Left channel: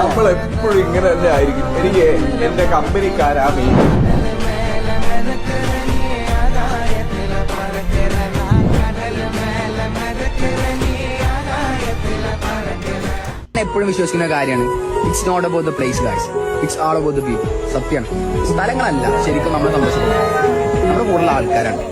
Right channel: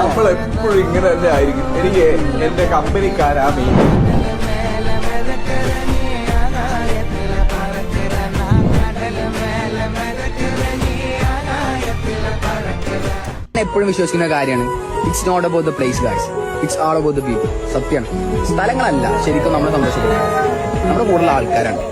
നമ്മൾ എപ്പോഴും ഇങ്ങനെ തന്നെ ആയിരിക്കും. എനിക്ക് എന്റെ കമ്പനിക്കാരാ മെയിൻ. എപ്പോഴും വിശ്വസിക്കുന്ന കാര്യമാണ്, it's not about the place guys, it's all about the people. സത്യമാണ്, സ്ഥലങ്ങളല്ല ശരിക്കും നമ്മളെ സന്തോഷപ്പെടുന്നത്, നമ്മുടെ കൂടുതലുള്ള ആൾക്കാരാണ്.